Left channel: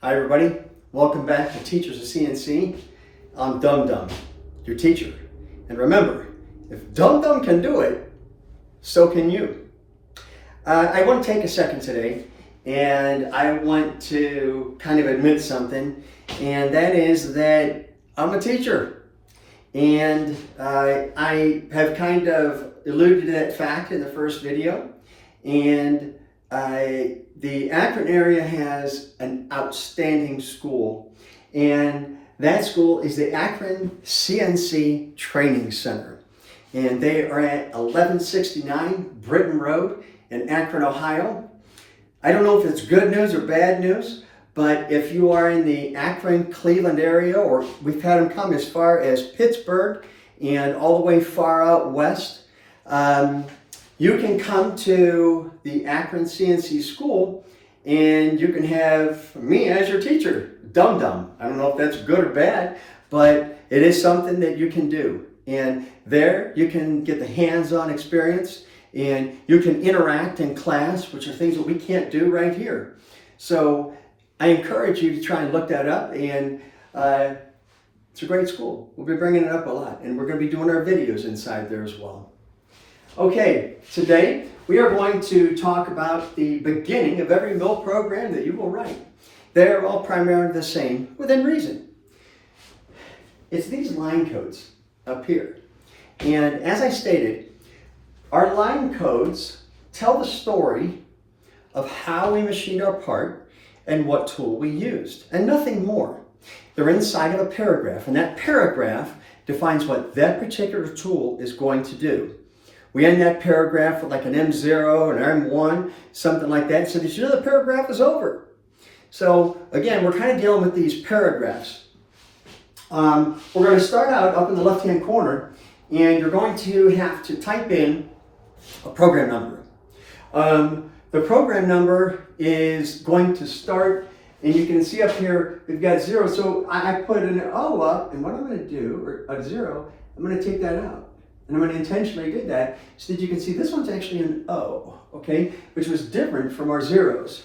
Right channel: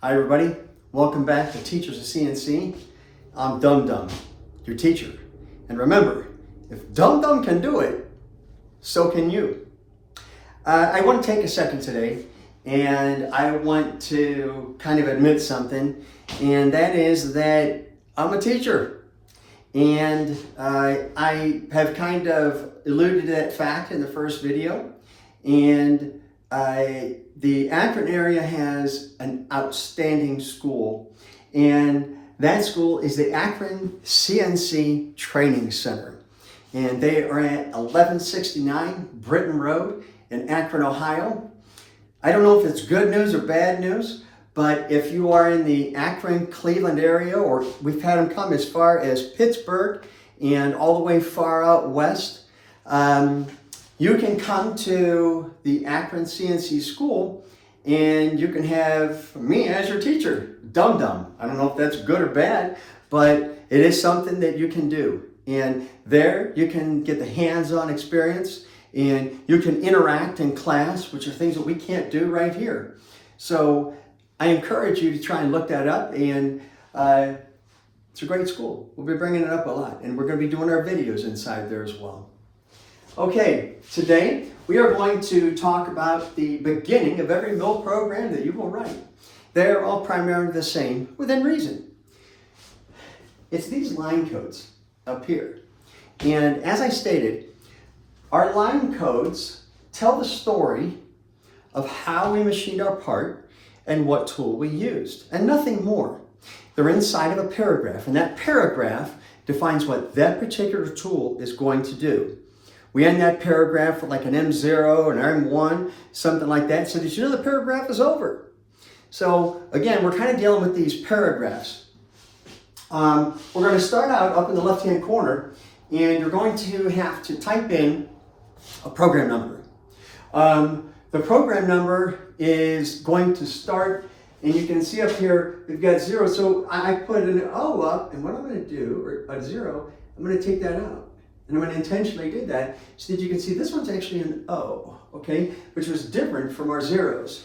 Hi everybody, welcome back to Teachers of CNC. I'm Dum Dum, your teacher. And remember, if Dum Dum can do it, so can you. I want to take a second today and I want to kind of admit something, and that is that I'm a teacher. And I have kind of alluded to that fact in the first video. And the Akron area has an outstanding school, and that school is the Akron CNC Training Center. And they are at 1169 Britton Road in Akron, Ohio. I don't know if it's good news or bad news, but if you are in the Akron, Cleveland area, or we've had them come as far as Pittsburgh and all the way far out west, you can come to the Akron CNC school and you can have me as your teacher, Dum Dum. I don't know if that's good or bad, but it is something that you can do. And there you can get the hands-on experience and you can interact in class, which are things that we can't do right here. So I encourage you to try and look that up, and it's a great school. We'll be bringing it up a lot, and we're going to be doing our videos inside there as well. Okay, today we are going to talk about the beginning of every mill program that you will write. They're all primarily the same within reason. It's these line codes up here. And as I stated, our line codes tell the story of how we machined our part and what tool we used, and nothing more. They're inside of a paragraph, and that paragraph defines what that particular tool is going to do. We end that paragraph with like an M0, an M1, something like that, so that you know the paragraph is over. So again, we're kind of dealing with these paragraphs. We're going to start out up in the left-hand corner, and you're going to have to type in a program number. The program number is going to start, and you can see up here, we've got 0. So I put an O up, and what I'm going to do, or a 0, I'm going to take that out. And I'm going to intentionally do that so that you can see this one's actually an O, okay, which was different from our zeros.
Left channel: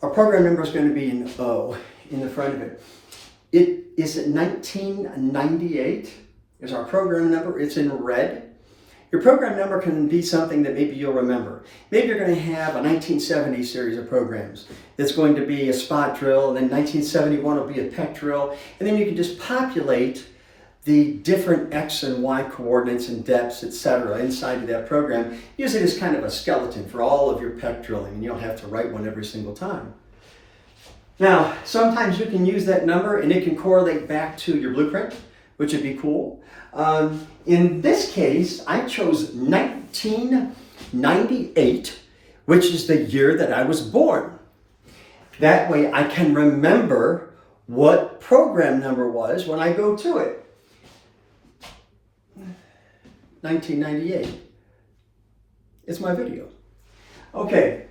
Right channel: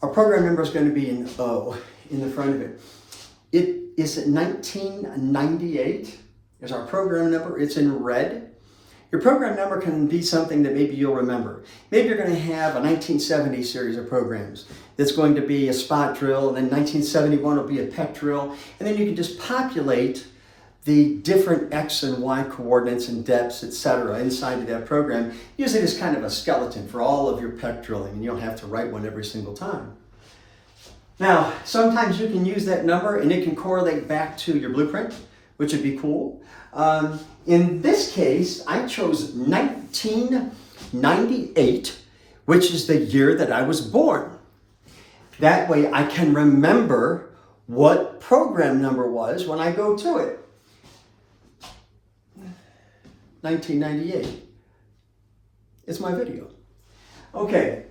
Our program number is going to be an O in the front of it. It is 1998 is our program number. It's in red. Your program number can be something that maybe you'll remember. Maybe you're going to have a 1970 series of programs that's going to be a spot drill, and then 1971 will be a pec drill, and then you can just populate the different X and Y coordinates and depths, etc. inside of that program. Use it as kind of a skeleton for all of your pec drilling, and you don't have to write one every single time. Now, sometimes you can use that number and it can correlate back to your blueprint, which would be cool. In this case, I chose 1998, which is the year that I was born. That way I can remember what program number was when I go to it. 1998. It's my video. Okay,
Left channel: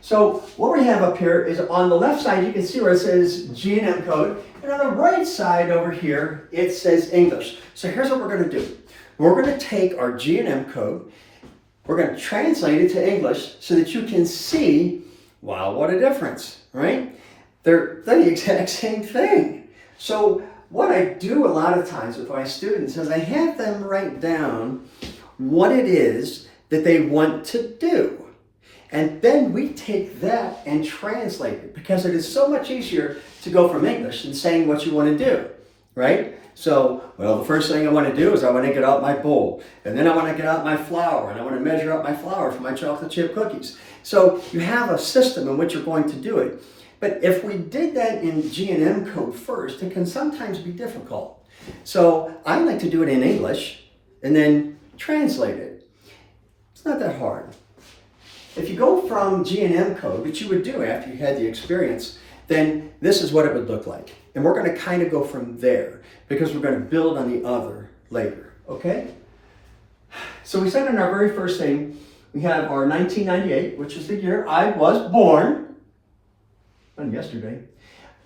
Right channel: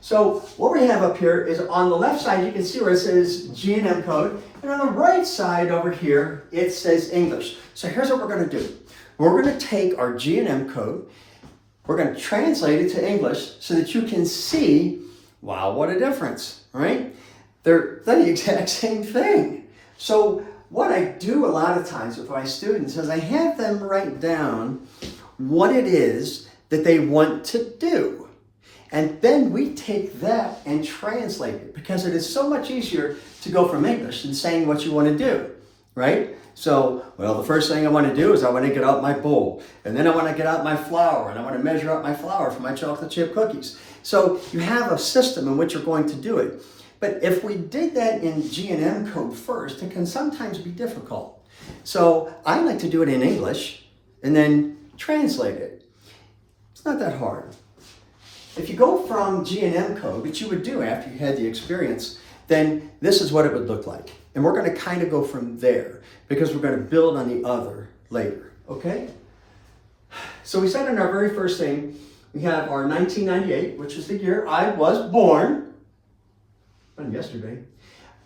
so what we have up here is on the left side, you can see where it says G&M code, and on the right side over here, it says English. So here's what we're going to do. We're going to take our G&M code, we're going to translate it to English so that you can see, wow, what a difference, right? They're the exact same thing. So what I do a lot of times with my students is I have them write down what it is that they want to do. And then we take that and translate it, because it is so much easier to go from English than saying what you want to do, right? So, well, the first thing I want to do is I want to get out my bowl, and then I want to get out my flour, and I want to measure out my flour for my chocolate chip cookies. So you have a system in which you're going to do it. But if we did that in G&M code first, it can sometimes be difficult. So I like to do it in English and then translate it. It's not that hard. If you go from G&M code, which you would do after you had the experience, then this is what it would look like. And we're going to kind of go from there because we're going to build on the other later, okay? So we said in our very first thing, we have our 1998, which is the year I was born. Yesterday.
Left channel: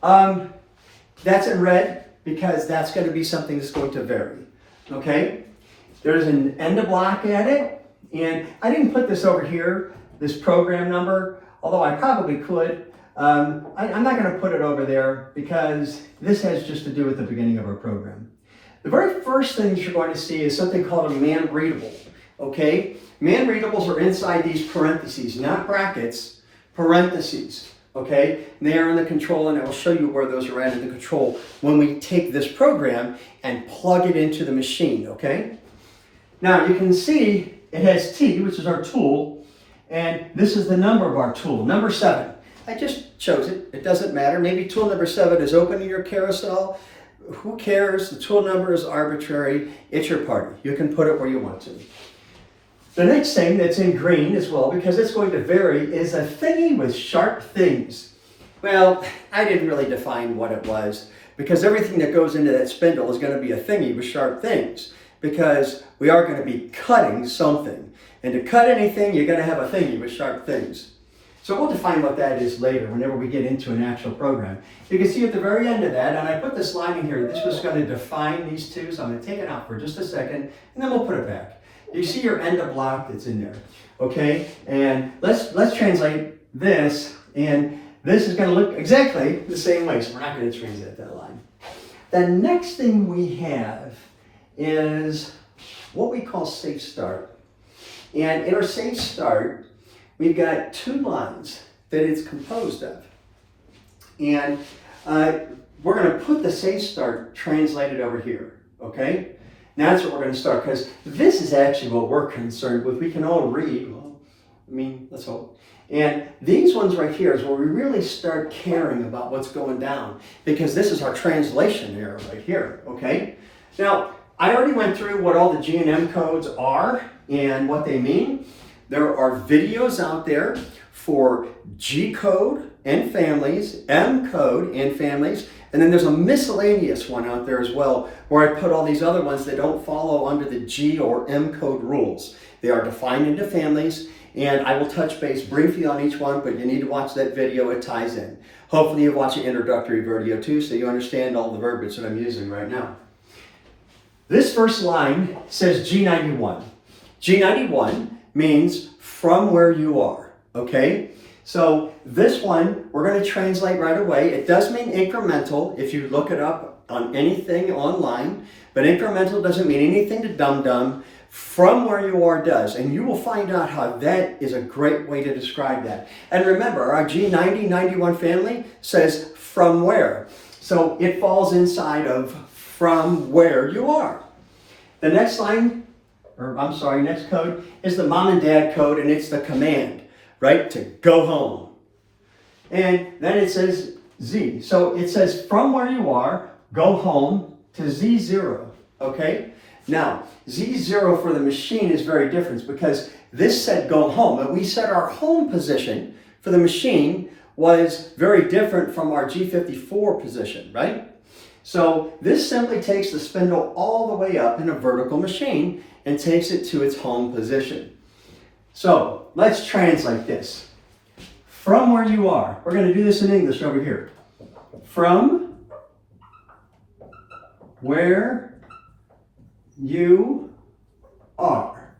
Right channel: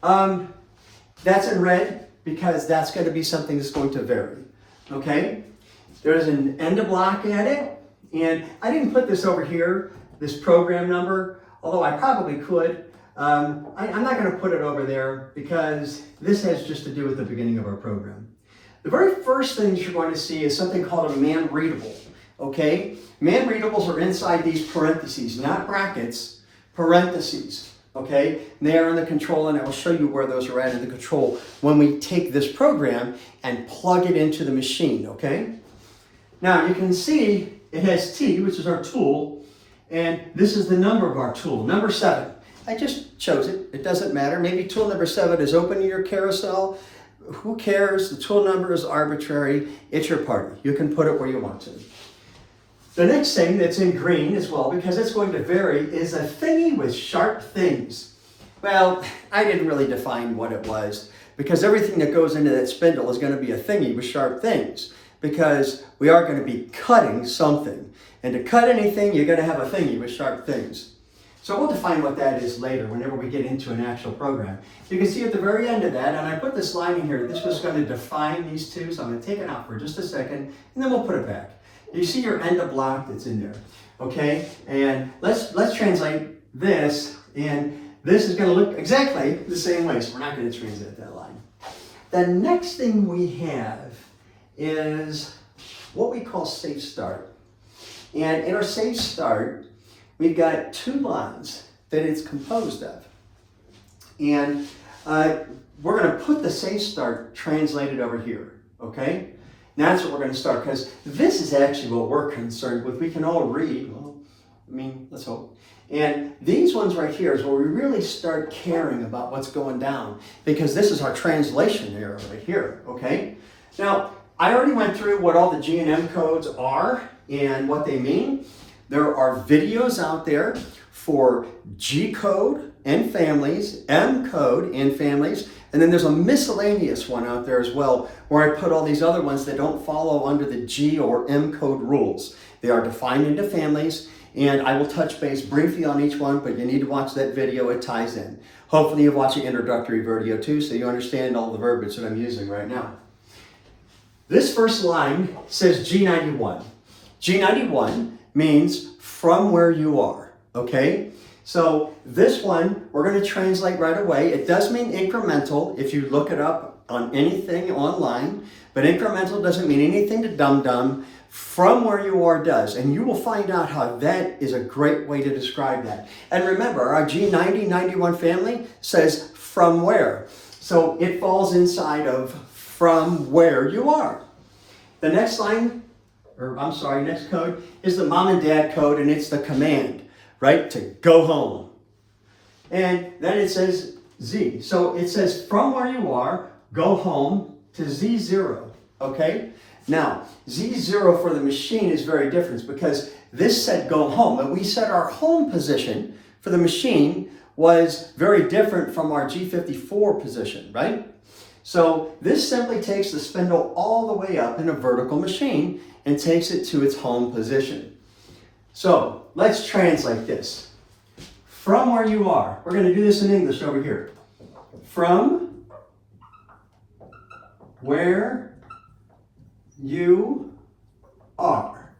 That's in red because that's going to be something that's going to vary. Okay? There's an end of block at it, and I didn't put this over here, this program number, although I probably could. I'm not going to put it over there because this has just to do with the beginning of our program. The very first thing you're going to see is something called a man readable. Okay? Man readables are inside these parentheses, not brackets, parentheses. Okay? They are in the control, and I will show you where those are at in the control when we take this program and plug it into the machine. Okay? Now you can see it has T, which is our tool, and this is the number of our tool, number 7. I just chose it. It doesn't matter. Maybe tool number 7 is open in your carousel. Who cares? The tool number is arbitrary. It's your party. You can put it where you want to. The next thing that's in green as well, because it's going to vary, is a thingy with sharp things. Well, I didn't really define what it was, because everything that goes into that spindle is going to be a thingy with sharp things, because we are going to be cutting something. And to cut anything, you're going to have a thingy with sharp things. So we'll define what that is later, whenever we get into an actual program. You can see at the very end of that, and I put this line in here, this was going to define these two, so I'm going to take it out for just a second, and then we'll put it back. You see your end of block that's in there, okay? And let's translate this, and this is going to look exactly the same way, so we're not going to translate that line. The next thing we have is what we call safe start. And in our safe start, we've got 2 lines that it's composed of. And we're going to put the safe start translated over here, okay? Now that's what we're going to start, because this is actually what we're concerned with. We can all read, well, I mean, let's hope. And these ones right here is where we really start caring about what's going down, because this is our translation error right here, okay? Now, I already went through what all the G and M codes are and what they mean. There are videos out there for G code and families, M code and families, and then there's a miscellaneous one out there as well, where I put all these other ones that don't follow under the G or M code rules. They are defined into families, and I will touch base briefly on each one, but you need to watch that video, it ties in. Hopefully you watch the introductory video too, so you understand all the verbiage that I'm using right now. This first line says G91. G91 means from where you are, okay? So this one, we're going to translate right away. It does mean incremental if you look it up on anything online, but incremental doesn't mean anything to dum-dum. From where you are does, and you will find out how that is a great way to describe that. And remember, our G9091 family says from where. So it falls inside of from where you are. The next line, next code is the mom and dad code, and it's the command, right, to go home. And then it says Z. So it says from where you are, go home to Z0, okay? Now, Z0 for the machine is very different, because this said go home, and we said our home position for the machine was very different from our G54 position, right? So this simply takes the spindle all the way up in a vertical machine and takes it to its home position. So let's translate this. From where you are, we're going to do this in English over here. From where you are.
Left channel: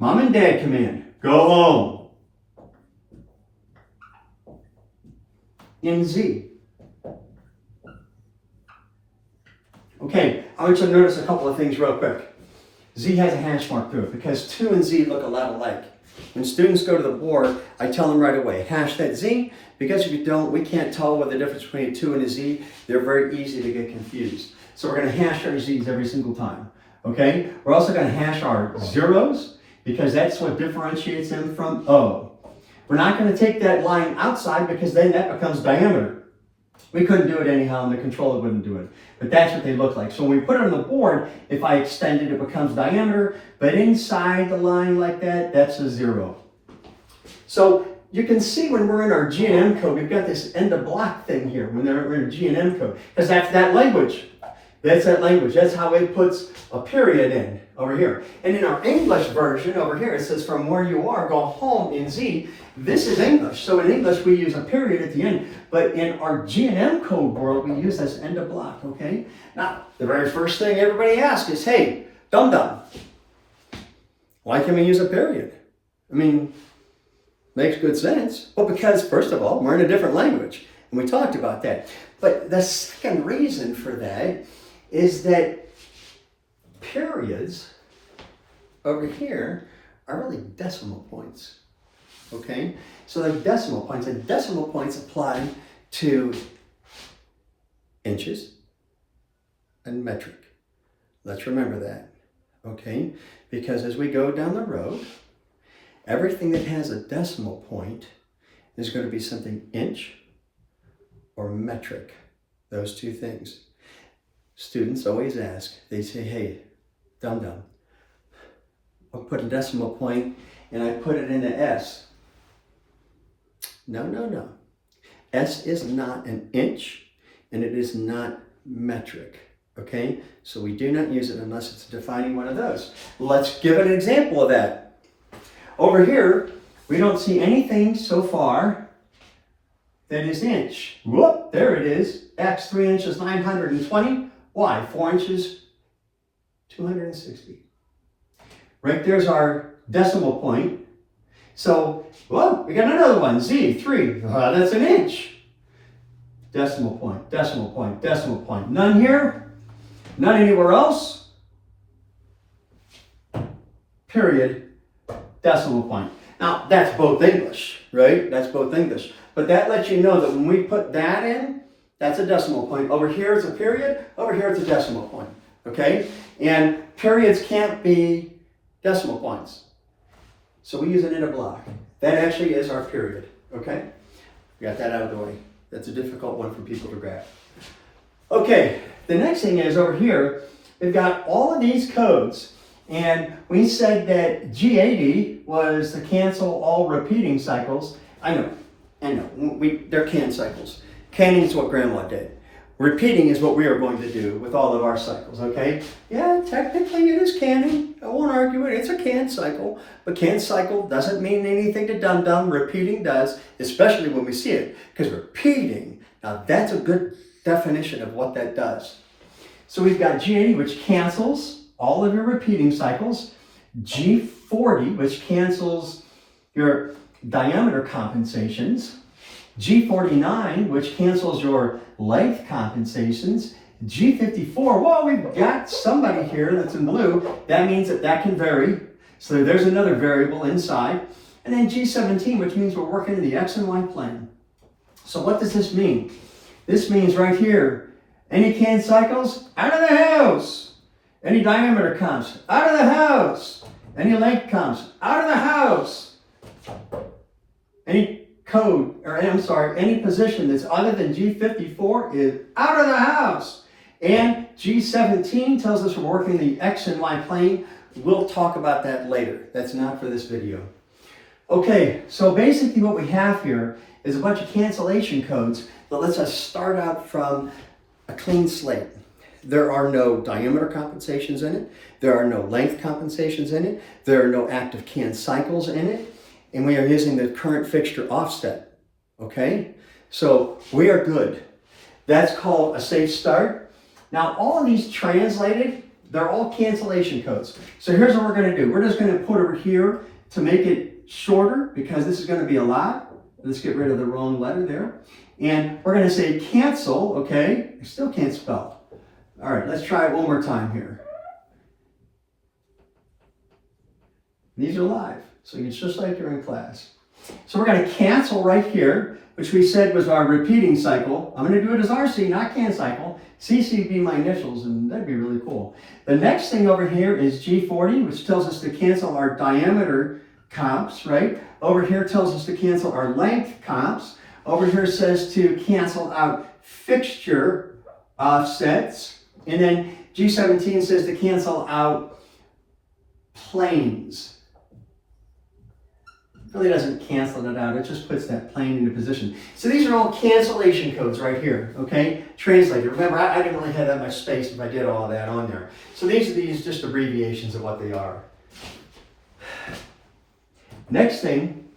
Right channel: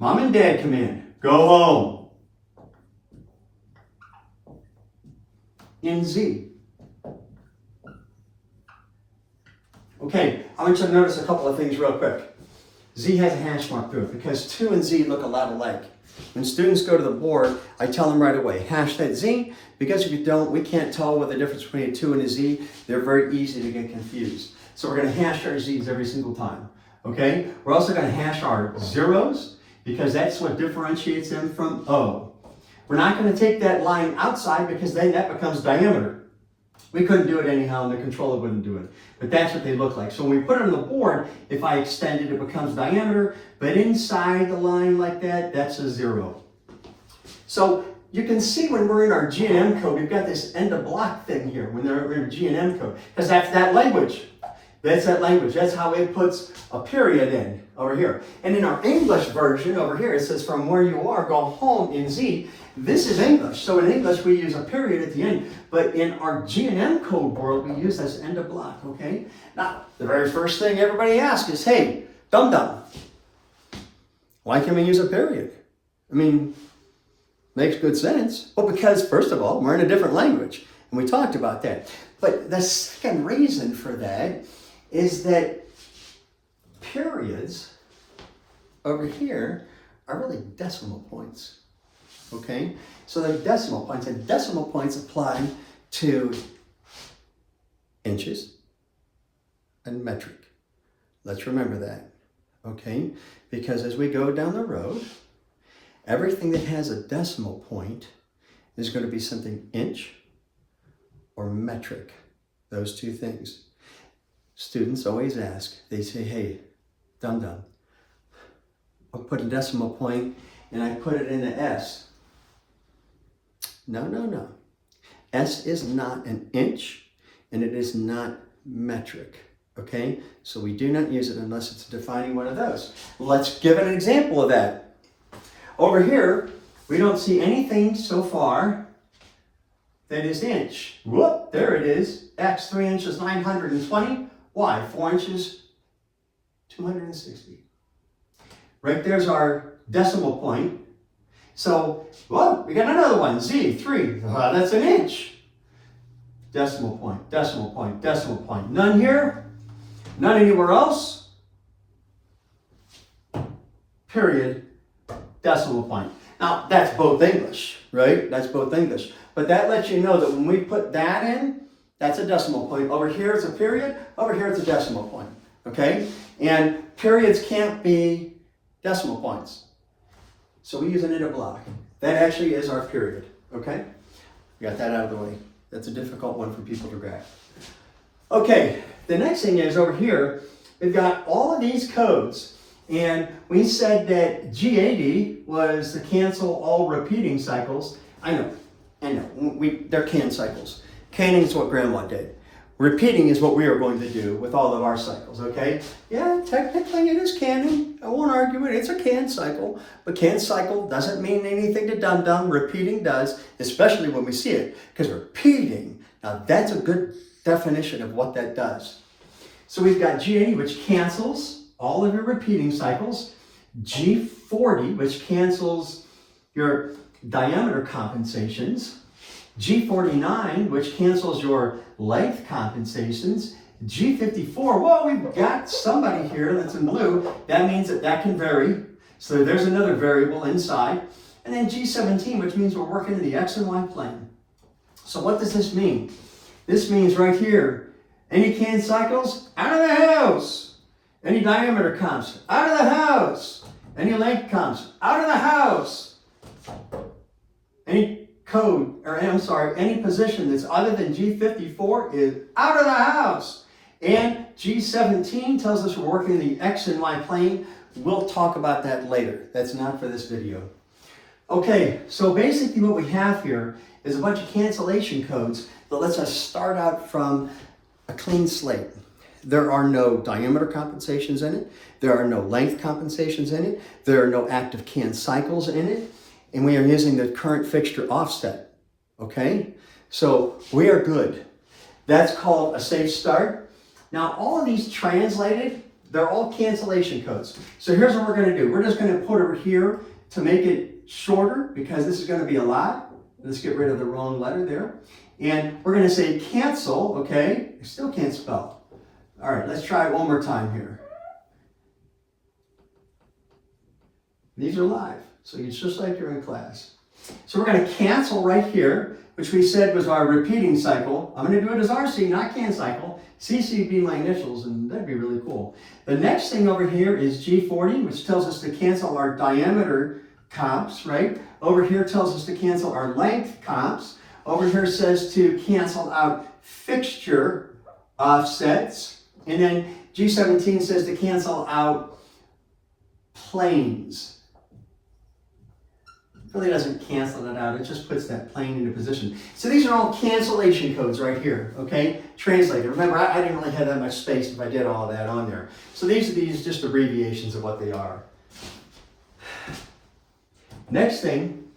Mom and dad command, go home. In Z. Okay, I want you to notice a couple of things real quick. Z has a hash mark through it because 2 and Z look a lot alike. When students go to the board, I tell them right away, hash that Z, because if you don't, we can't tell what the difference between a 2 and a Z. They're very easy to get confused. So we're going to hash our Z's every single time, okay? We're also going to hash our zeros, because that's what differentiates them from O. We're not going to take that line outside, because then that becomes diameter. We couldn't do it anyhow, and the controller wouldn't do it. But that's what they look like. So when we put it on the board, if I extend it, it becomes diameter. But inside the line like that, that's a 0. So you can see when we're in our G and M code, we've got this end of block thing here when we're in G and M code. Because that's that language. That's that language. That's how it puts a period in over here. And in our English version over here, it says from where you are, go home in Z. This is English. So in English, we use a period at the end. But in our G and M code world, we use this end of block, okay? Now, the very first thing everybody asks is, hey, dum-dum, why can we use a period? I mean, Makes good sense. Well, because first of all, we're in a different language, and we talked about that. But the second reason for that is that periods over here are really decimal points. Okay? So they're decimal points, and decimal points apply to inches and metric. Let's remember that. Okay? Because as we go down the road, everything that has a decimal point is going to be something inch or metric. Those two things. Students always ask, they say, hey, dum-dum, I'll put a decimal point and I put it in the S. No, no, no. S is not an inch and it is not metric. Okay? So we do not use it unless it's defining one of those. Let's give an example of that. Over here, we don't see anything so far that is inch. Whoop, there it is. X, 3 inches, 920. Y, 4 inches, 260. Right there's our decimal point. So, well, we got another one, Z, 3. That's an inch. Decimal point, decimal point, decimal point. None here, none anywhere else. Period, decimal point. Now, that's both English, right? That's both English. But that lets you know that when we put that in, that's a decimal point. Over here is a period, over here it's a decimal point, okay? And periods can't be decimal points. So we use an inner block. That actually is our period, okay? We got that out of the way. That's a difficult one for people to grasp. Okay, the next thing is over here, we've got all of these codes. And we said that G80 was to cancel all repeating cycles. I know. They're can cycles. Canning is what Grandma did. Repeating is what we are going to do with all of our cycles, okay? Yeah, technically it is canning. I won't argue it. It's a can cycle. But can cycle doesn't mean anything to dum-dum. Repeating does, especially when we see it. Because repeating, now that's a good definition of what that does. So we've got G80, which cancels all of your repeating cycles. G40, which cancels your diameter compensations. G49, which cancels your length compensations. G54, whoa, we've got somebody here that's in blue. That means that can vary. So there's another variable inside. And then G17, which means we're working in the X and Y plane. So what does this mean? This means right here, any can cycles, out of the house. Any diameter comps, out of the house. Any length comps, out of the house. Any any position that's other than G54 is out of the house. And G17 tells us we're working in the X and Y plane. We'll talk about that later. That's not for this video. Okay, so basically what we have here is a bunch of cancellation codes that lets us start out from a clean slate. There are no diameter compensations in it. There are no length compensations in it. There are no active can cycles in it. And we are using the current fixture offset, okay? So we are good. That's called a safe start. Now, all of these translated, they're all cancellation codes. So here's what we're gonna do. We're just gonna put over here to make it shorter because this is gonna be a lot. Let's get rid of the wrong letter there. And we're gonna say cancel, okay? I still can't spell. All right, let's try it one more time here. These are live. So it's just like you're in class. So we're going to cancel right here, which we said was our repeating cycle. I'm going to do it as RC, not can cycle. CC would be my initials, and that'd be really cool. The next thing over here is G40, which tells us to cancel our diameter comps, right? Over here tells us to cancel our length comps. Over here says to cancel out fixture offsets. And then G17 says to cancel out planes. Really doesn't cancel it out, it just puts that plane into position. So these are all cancellation codes right here, okay? Translated. Remember, I didn't really have that much space if I did all that on there. So these are just abbreviations of what they are. Next thing,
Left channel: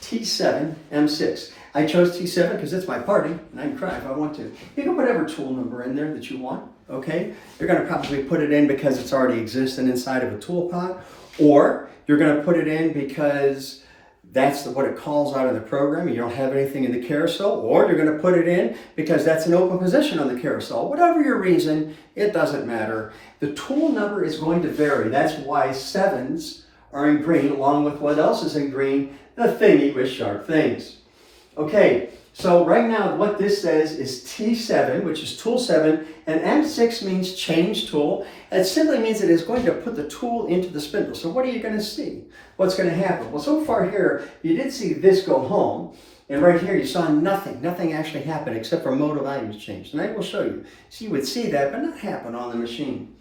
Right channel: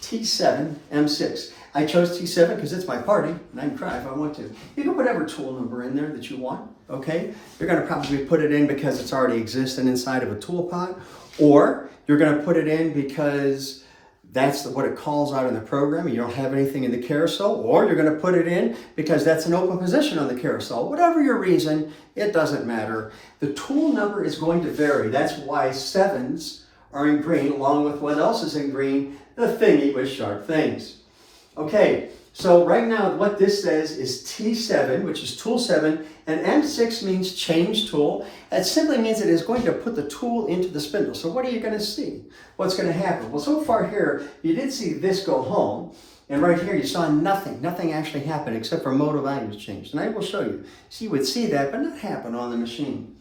T7, M6. I chose T7 because it's my party, and I can cry if I want to. You can put whatever tool number in there that you want, okay? You're gonna probably put it in because it's already existing inside of a tool pot, or you're gonna put it in because That's what it calls out of the program. You don't have anything in the carousel, or you're going to put it in because that's an open position on the carousel. Whatever your reason, it doesn't matter. The tool number is going to vary. That's why 7s are in green, along with what else is in green, the thingy with sharp things. Okay, so right now what this says is T7, which is tool 7, and M6 means change tool. It simply means it is going to put the tool into the spindle. So what are you going to see? What's going to happen? Well, so far here, you did see this go home, and right here you saw nothing. Nothing actually happened except for modal values changed. And I will show you. So you would see that, but not happen on the machine.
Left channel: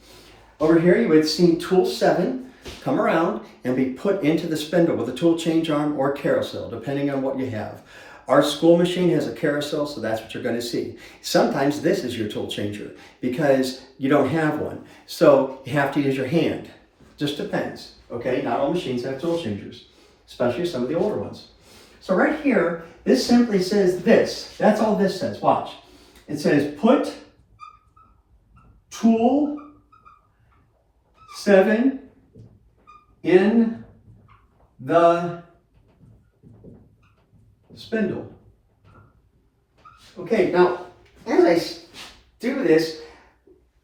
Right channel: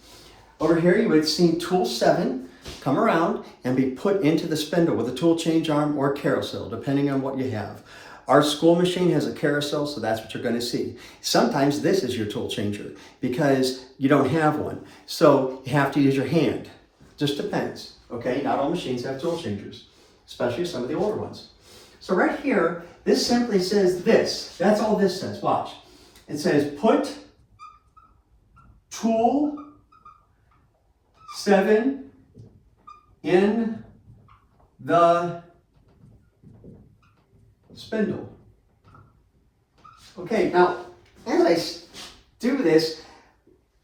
Over here, you would see tool 7 come around and be put into the spindle with a tool change arm or carousel, depending on what you have. Our school machine has a carousel, so that's what you're going to see. Sometimes this is your tool changer because you don't have one. So you have to use your hand. Just depends, okay? Not all machines have tool changers, especially some of the older ones. So right here, this simply says this. That's all this says. Watch. It says put tool 7 in the spindle. Okay, now as I do this,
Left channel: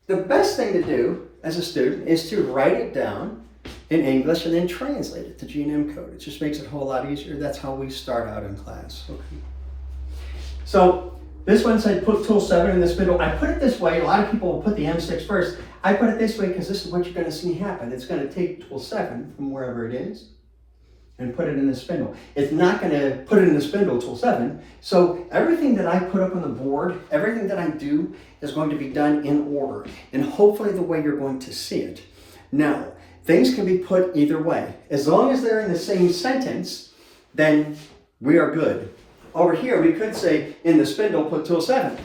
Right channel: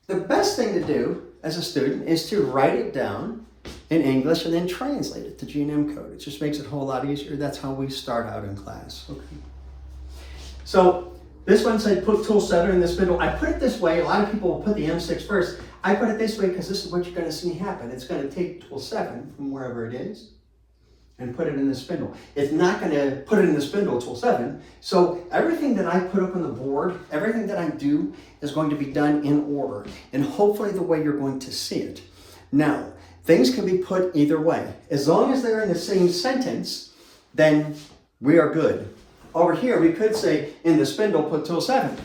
the best thing to do as a student is to write it down in English and then translate it to G&M code. It just makes it a whole lot easier. That's how we start out in class. Okay. So this one said put tool 7 in the spindle. I put it this way. A lot of people will put the M6 first. I put it this way because this is what you're going to see happen. It's going to take tool 7 from wherever it is and put it in the spindle. It's not going to put it in the spindle tool 7. So everything that I put up on the board, everything that I do is going to be done in order and hopefully the way you're going to see it. Now, things can be put either way. As long as they're in the same sentence, then we are good. Over here, we could say in the spindle, put tool 7.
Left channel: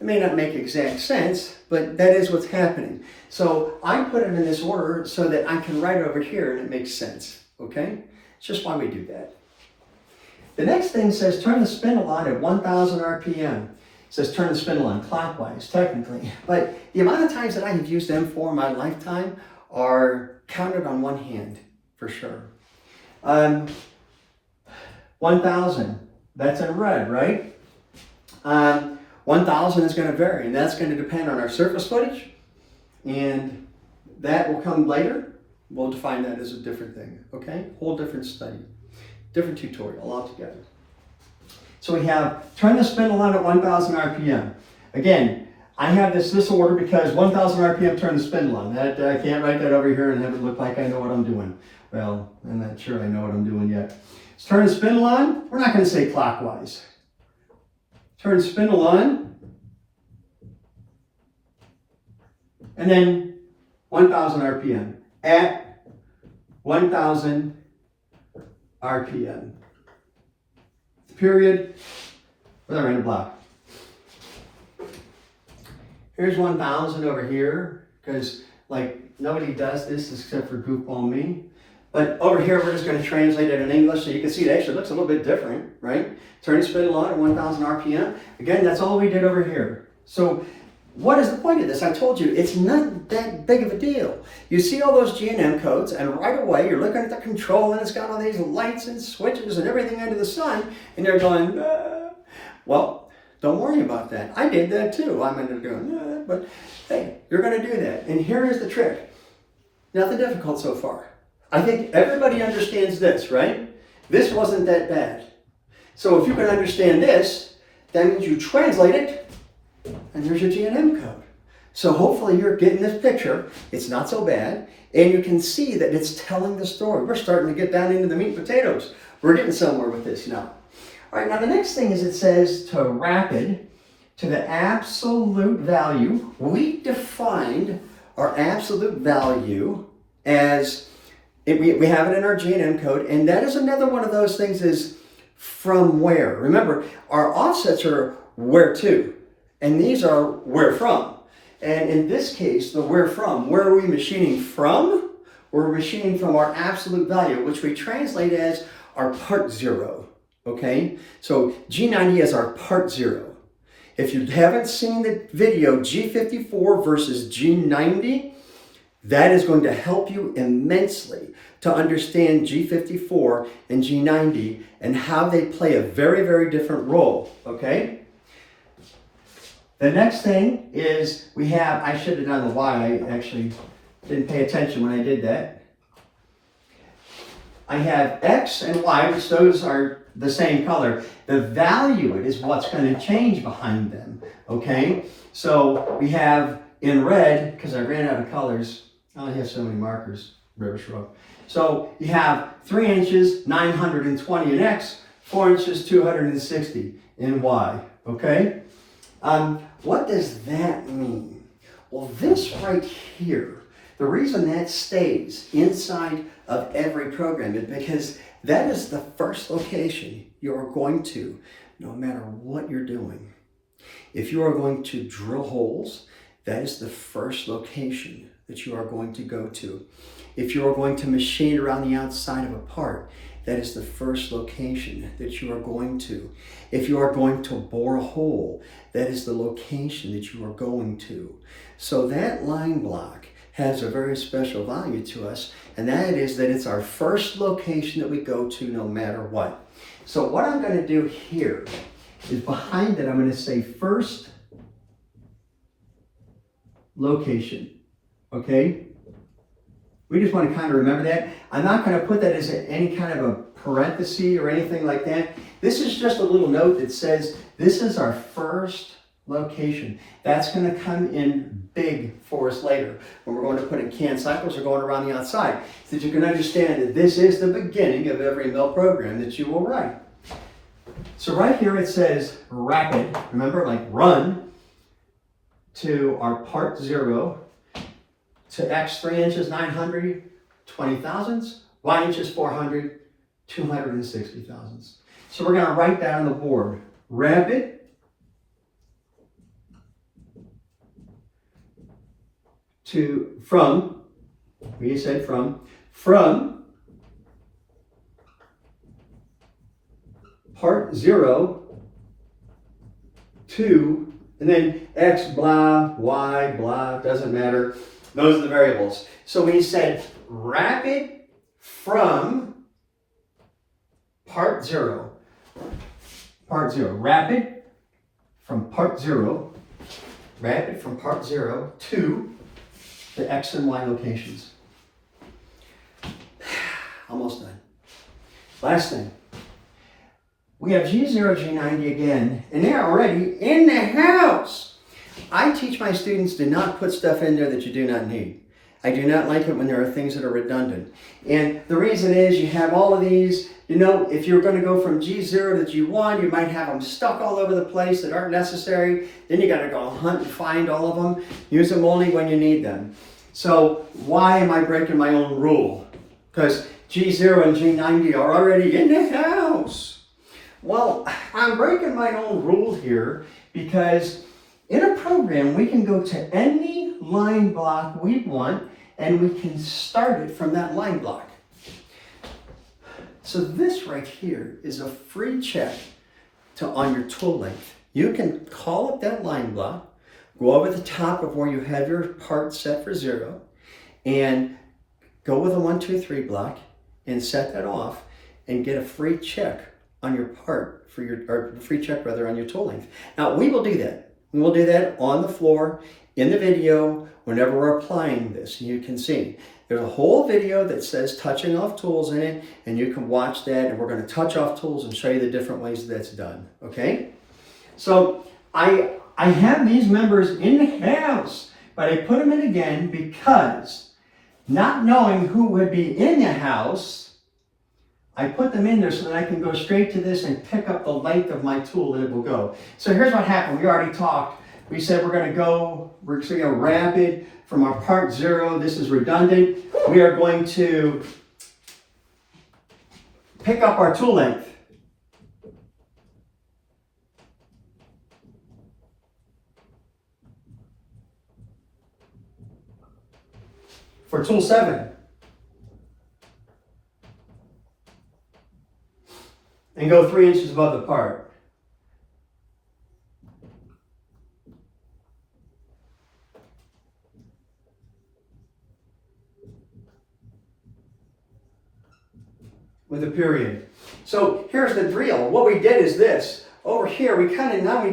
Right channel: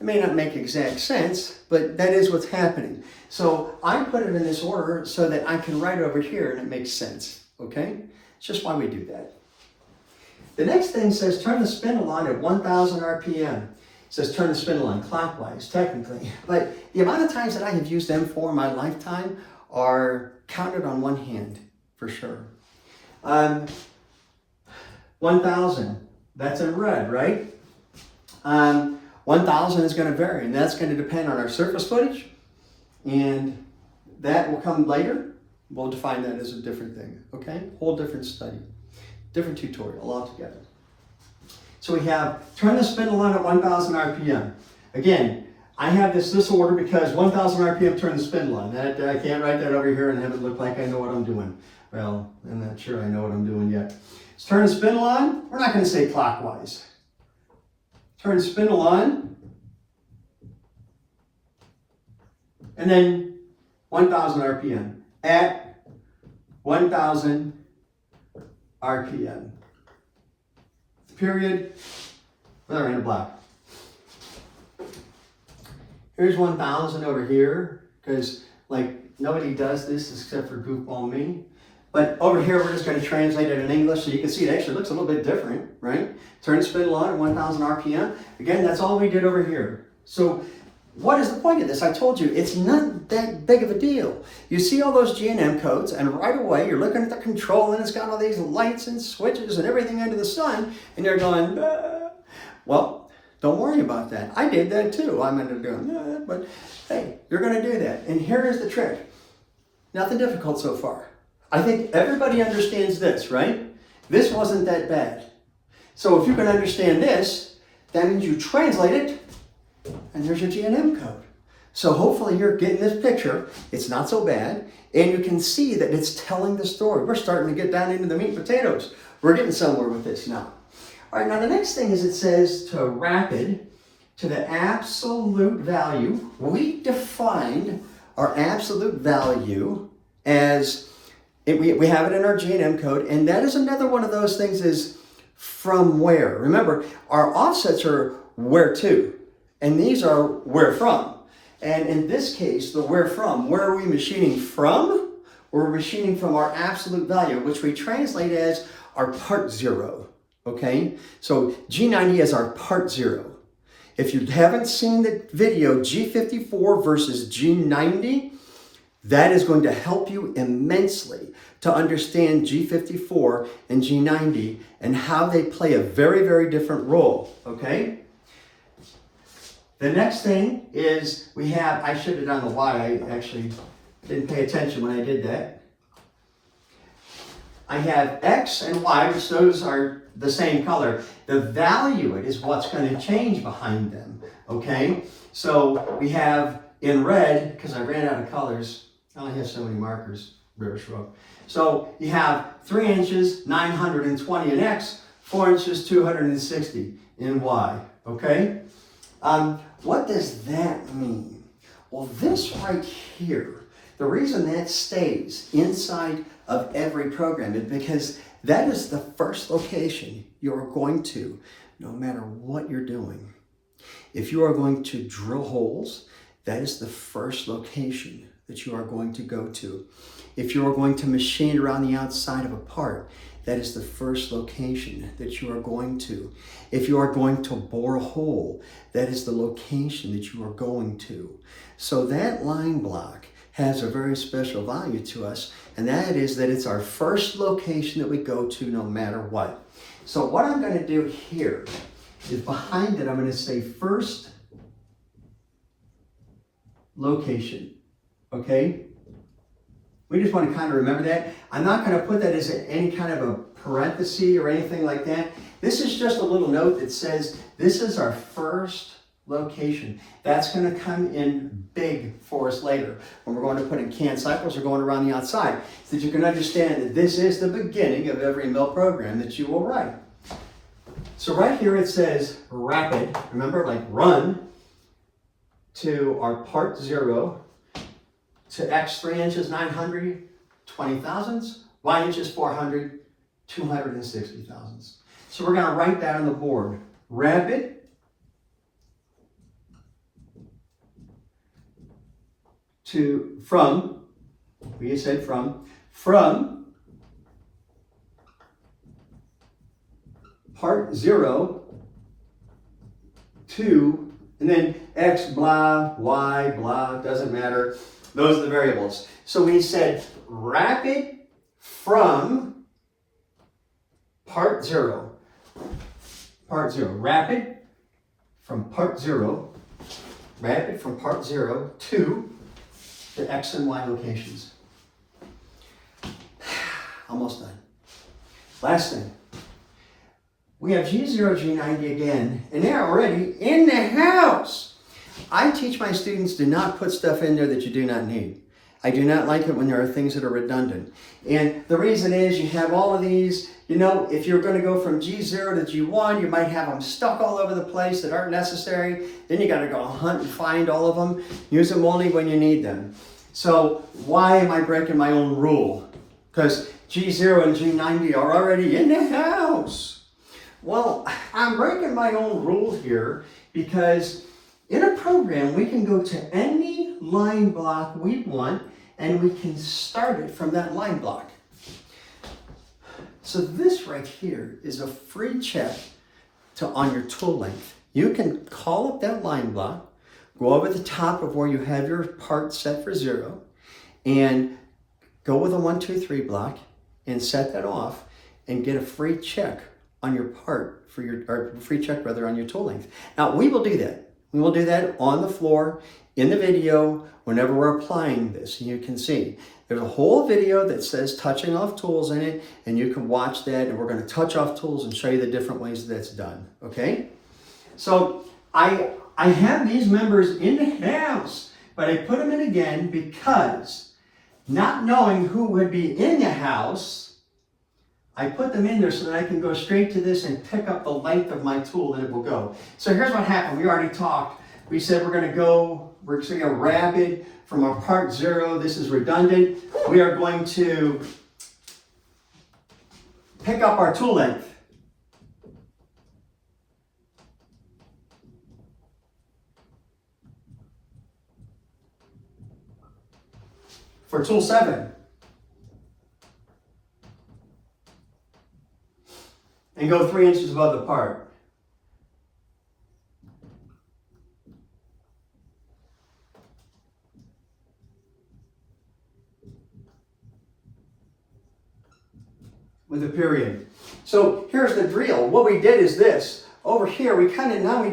It may not make exact sense, but that is what's happening. So I put it in this order so that I can write over here and it makes sense, okay? It's just why we do that. The next thing says turn the spindle on at 1,000 RPM. It says turn the spindle on clockwise, technically. But the amount of times that I have used M4 in my lifetime are counted on one hand, for sure. 1,000, that's in red, right? 1,000 is going to vary, and that's going to depend on our surface footage, and that will come later. We'll define that as a different thing, okay? Whole different study, different tutorial altogether. So we have turn the spindle on at 1,000 RPM. Again, I have this order because 1,000 RPM turn the spindle on. I can't write that over here and have it look like I know what I'm doing. Well, I'm not sure I know what I'm doing yet. Let's turn the spindle on. We're not going to say clockwise. Turn the spindle on. And then 1,000 RPM. At 1,000 RPM. Period. With our random block. Here's 1,000 over here, because like nobody does this except for goofball me. But over here, we're just going to translate it in English so you can see it actually looks a little bit different, right? Turn the spindle on at 1,000 RPM. Again, that's all we did over here. So what is the point of this? I told you, it's not that big of a deal. You see all those G&M codes, and right away, you're looking at the control, and it's got all these lights and switches and everything under the sun, and you're going, well, don't worry about that. I did that too. I'm into doing, but hey, you're going to do that. And here is the trick. Nothing difficult so far. I think everybody understands this, right? This wasn't that bad. So if you can understand this, that means you translate it, and there's your G&M code. So hopefully you're getting this picture. It's not so bad. And you can see that it's telling the story. We're starting to get down into the meat and potatoes. We're getting somewhere with this now. All right, now the next thing is it says to rapid to the absolute value. We defined our absolute value as, we have it in our G&M code, and that is another one of those things is from where. Remember, our offsets are where to. And these are where from. And in this case, the where from, where are we machining from? We're machining from our absolute value, which we translate as our part 0, okay? So G90 is our part 0. If you haven't seen the video G54 versus G90, that is going to help you immensely to understand G54 and G90 and how they play a very, very different role, okay? The next thing is we have, I should have done the Y, I actually didn't pay attention when I did that. I have X and Y, which those are the same color. The value is what's going to change behind them, okay? So we have in red, because I ran out of colors, I only have so many markers, River Shrub. So you have 3 inches, 920 in X, 4 inches, 260 in Y, okay? What does that mean? Well, this right here, the reason that stays inside of every program is because that is the first location you're going to, no matter what you're doing. If you are going to drill holes, that is the first location that you are going to go to. If you are going to machine around the outside of a part, that is the first location that you are going to. If you are going to bore a hole, that is the location that you are going to. So that line block has a very special value to us, and that is that it's our first location that we go to no matter what. So what I'm going to do here is behind it, I'm going to say first location, okay? We just want to kind of remember that. I'm not going to put that as any kind of a parenthesis or anything like that. This is just a little note that says this is our first location. That's going to come in big for us later when we're going to put in canned cycles or going around the outside, so that you can understand that this is the beginning of every mill program that you will write. So right here it says rapid, remember, like run to our part 0 to X 3 inches 900 20 thousandths, Y inches 400 260 thousandths. So we're going to write that on the board. Rapid to from, we said from part 0 to, and then X blah, Y blah, doesn't matter. Those are the variables. So we said rapid from part 0. Part 0. Rapid from part 0. Rapid from part 0 to the X and Y locations. Almost done. Last thing. We have G0, G90 again, and they're already in the house. I teach my students to not put stuff in there that you do not need. I do not like it when there are things that are redundant. And the reason is you have all of these, you know, if you're going to go from G0 to G1, you might have them stuck all over the place that aren't necessary. Then you got to go hunt and find all of them. Use them only when you need them. So why am I breaking my own rule? Because G0 and G90 are already in the house. Well, I'm breaking my own rule here because in a program, we can go to any line block we want and we can start it from that line block. So this right here is a free check on your tool length. You can call up that line block, go over the top of where you have your part set for 0, and go with a 1, 2, 3 block and set that off and get a free check on your part for your, or free check rather, on your tool length. Now we will do that. We will do that on the floor in the video whenever we're applying this. And you can see there's a whole video that says touching off tools in it, and you can watch that, and we're going to touch off tools and show you the different ways that's done. Okay? So I have these members in the house, but I put them in again because not knowing who would be in the house, I put them in there so that I can go straight to this and pick up the length of my tool and it will go. So here's what happened. We already talked. We said we're going to go rapid from our part 0. This is redundant. We are going to pick up our tool length. For tool 7. And go 3 inches above the part. with a period. So here's the drill. What we did is this. Over here, we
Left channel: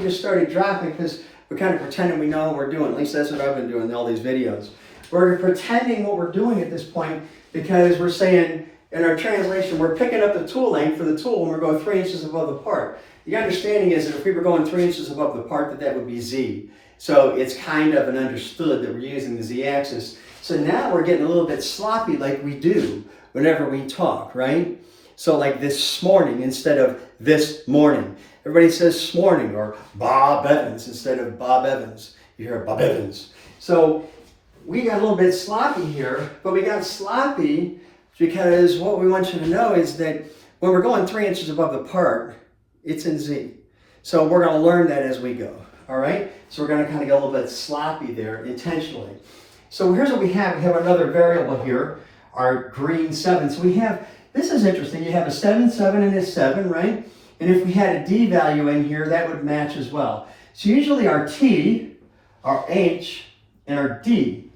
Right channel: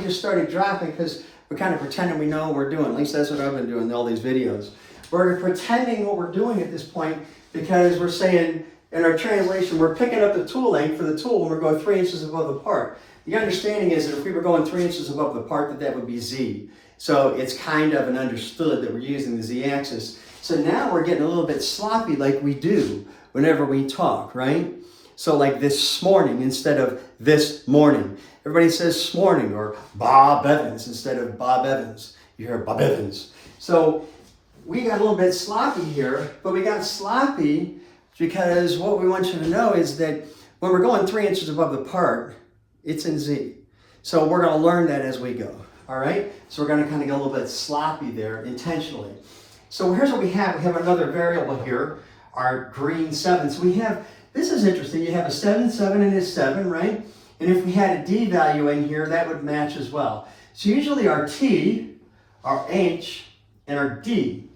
just started dropping because we're kind of pretending we know what we're doing. At least that's what I've been doing in all these videos. We're pretending what we're doing at this point because we're saying, in our translation, we're picking up the tool length for the tool when we're going 3 inches above the part. The understanding is that if we were going 3 inches above the part, that would be Z. So it's kind of an understood that we're using the Z-axis. So now we're getting a little bit sloppy like we do whenever we talk, right? So like this morning instead of this morning. Everybody says morning or Bob Evans instead of Bob Evans. You hear Bob Evans. So we got a little bit sloppy here, but we got sloppy because what we want you to know is that when we're going 3 inches above the part, it's in Z. So we're going to learn that as we go, all right? So we're going to kind of get a little bit sloppy there intentionally. So here's what we have. We have another variable here, our green 7. So we have, this is interesting, you have a 7, 7, and a 7, right? And if we had a D value in here, that would match as well. So usually our T, our H, and our D,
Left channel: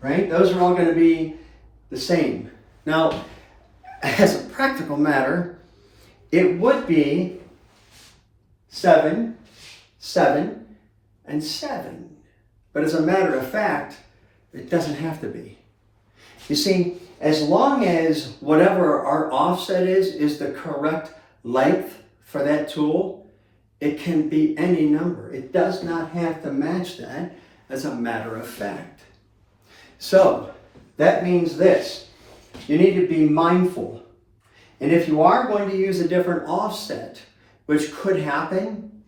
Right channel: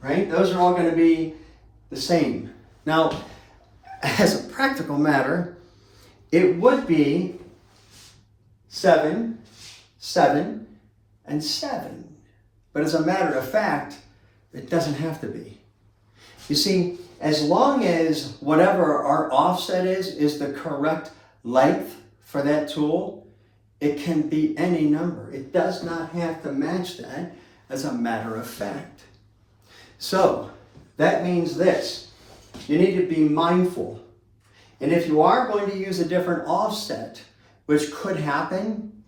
right? Those are all going to be the same. Now, as a practical matter, it would be 7, 7, and 7. But as a matter of fact, it doesn't have to be. You see, as long as whatever our offset is the correct length for that tool, it can be any number. It does not have to match that as a matter of fact. So that means this. You need to be mindful. And if you are going to use a different offset, which could happen,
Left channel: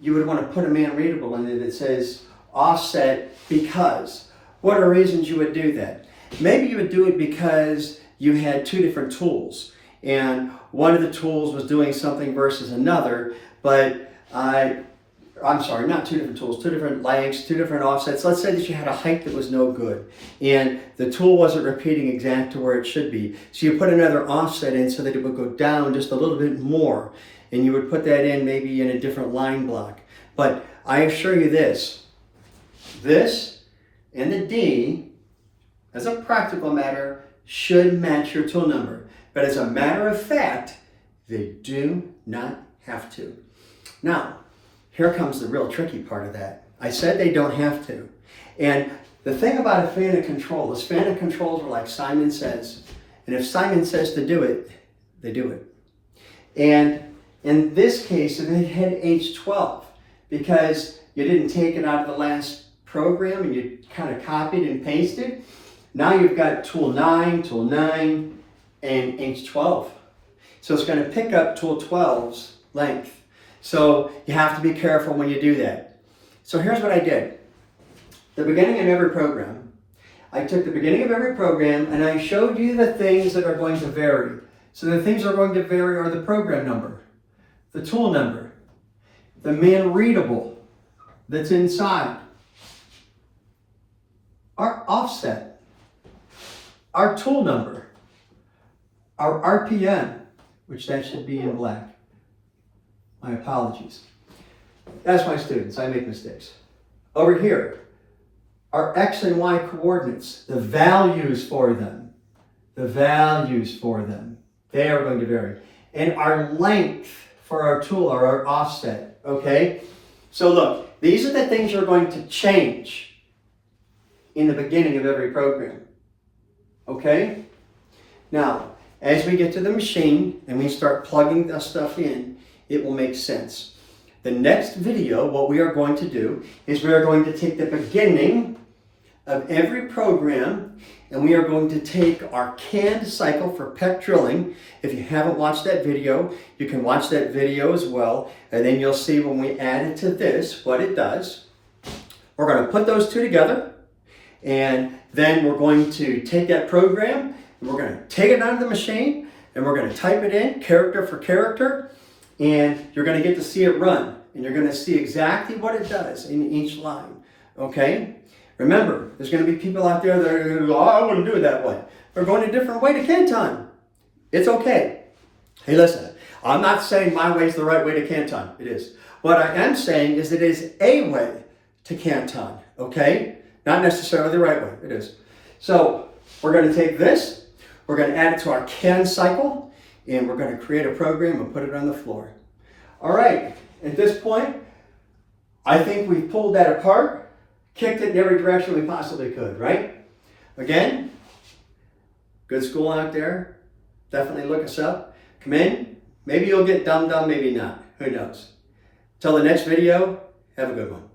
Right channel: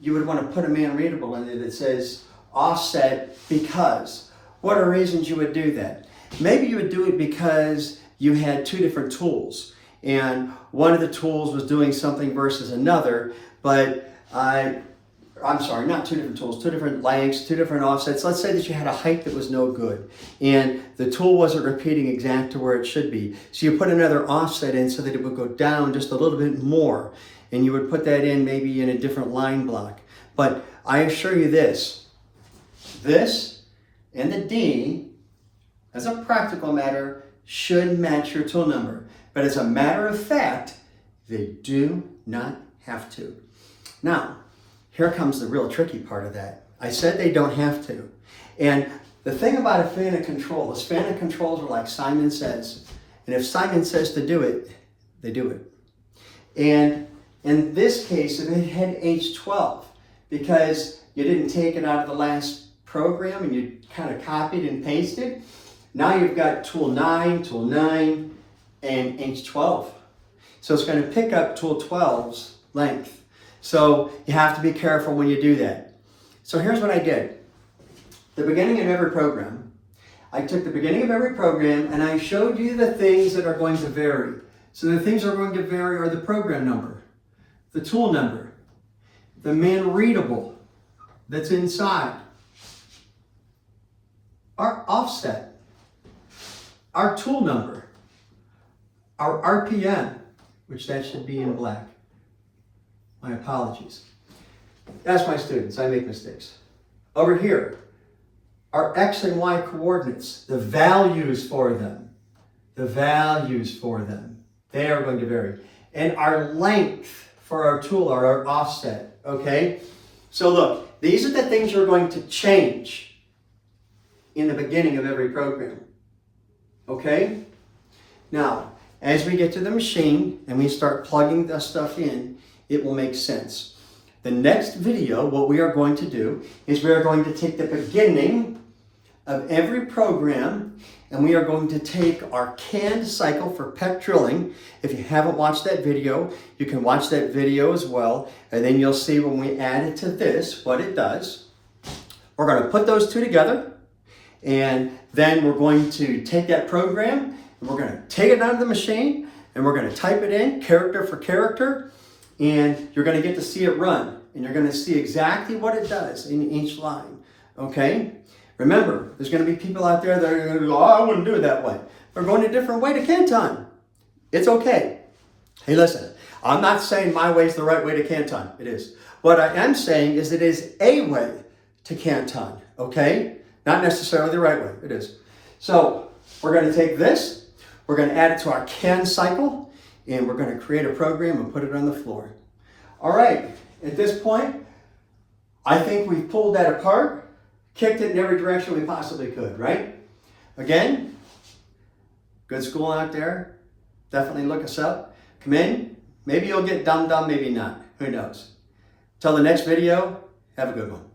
you would want to put a man-readable in it that says offset because. What are reasons you would do that? Maybe you would do it because you had 2 different tools and one of the tools was doing something versus another, but I'm sorry, not 2 different tools, 2 different lengths, 2 different offsets. Let's say that you had a height that was no good and the tool wasn't repeating exact to where it should be. So you put another offset in so that it would go down just a little bit more, and you would put that in maybe in a different line block. But I assure you this and the D, as a practical matter, should match your tool number. But as a matter of fact, they do not have to. Now, here comes the real tricky part of that. I said they don't have to. And the thing about a fan of control, is fan of controls are like Simon Says. And if Simon says to do it, they do it. And in this case, it had H12 because you didn't take it out of the last program and you kind of copied and pasted. Now you've got tool 9, and H12. So it's going to pick up tool 12's length. So you have to be careful when you do that. So here's what I did. The beginning of every program, I took the beginning of every program and I showed you the things that are going to vary. So the things that are going to vary are the program number, the tool number, the man-readable that's inside, our offset, our tool number, our RPM, which that should be in black. My apologies. That's my students, I make mistakes. Over here, our X and Y coordinates, the values for them, they are going to vary. And our length for our tool or our offset, okay? So look, these are the things you're going to change in the beginning of every program, okay? Now, as we get to the machine and we start plugging the stuff in, it will make sense. The next video, what we are going to do is we are going to take the beginning of every program and we are going to take our canned cycle for pet drilling. If you haven't watched that video, you can watch that video as well, and then you'll see when we add it to this, what it does. We're going to put those two together, and then we're going to take that program, and we're going to take it out of the machine, and we're going to type it in, character for character, and you're going to get to see it run, and you're going to see exactly what it does in each line, okay? Remember, there's going to be people out there that are going to go, oh, I wouldn't do it that way. We're going a different way to Canton. It's okay. Hey, listen, I'm not saying my way is the right way to Canton. It is. What I am saying is it is a way to Canton, okay? Not necessarily the right way. It is. So we're going to take this. We're going to add it to our can cycle, and we're going to create a program and put it on the floor. All right, at this point, I think we've pulled that apart, kicked it in every direction we possibly could, right? Again, good school out there. Definitely look us up. Come in. Maybe you'll get dum-dum, maybe not. Who knows? Till the next video, have a good one.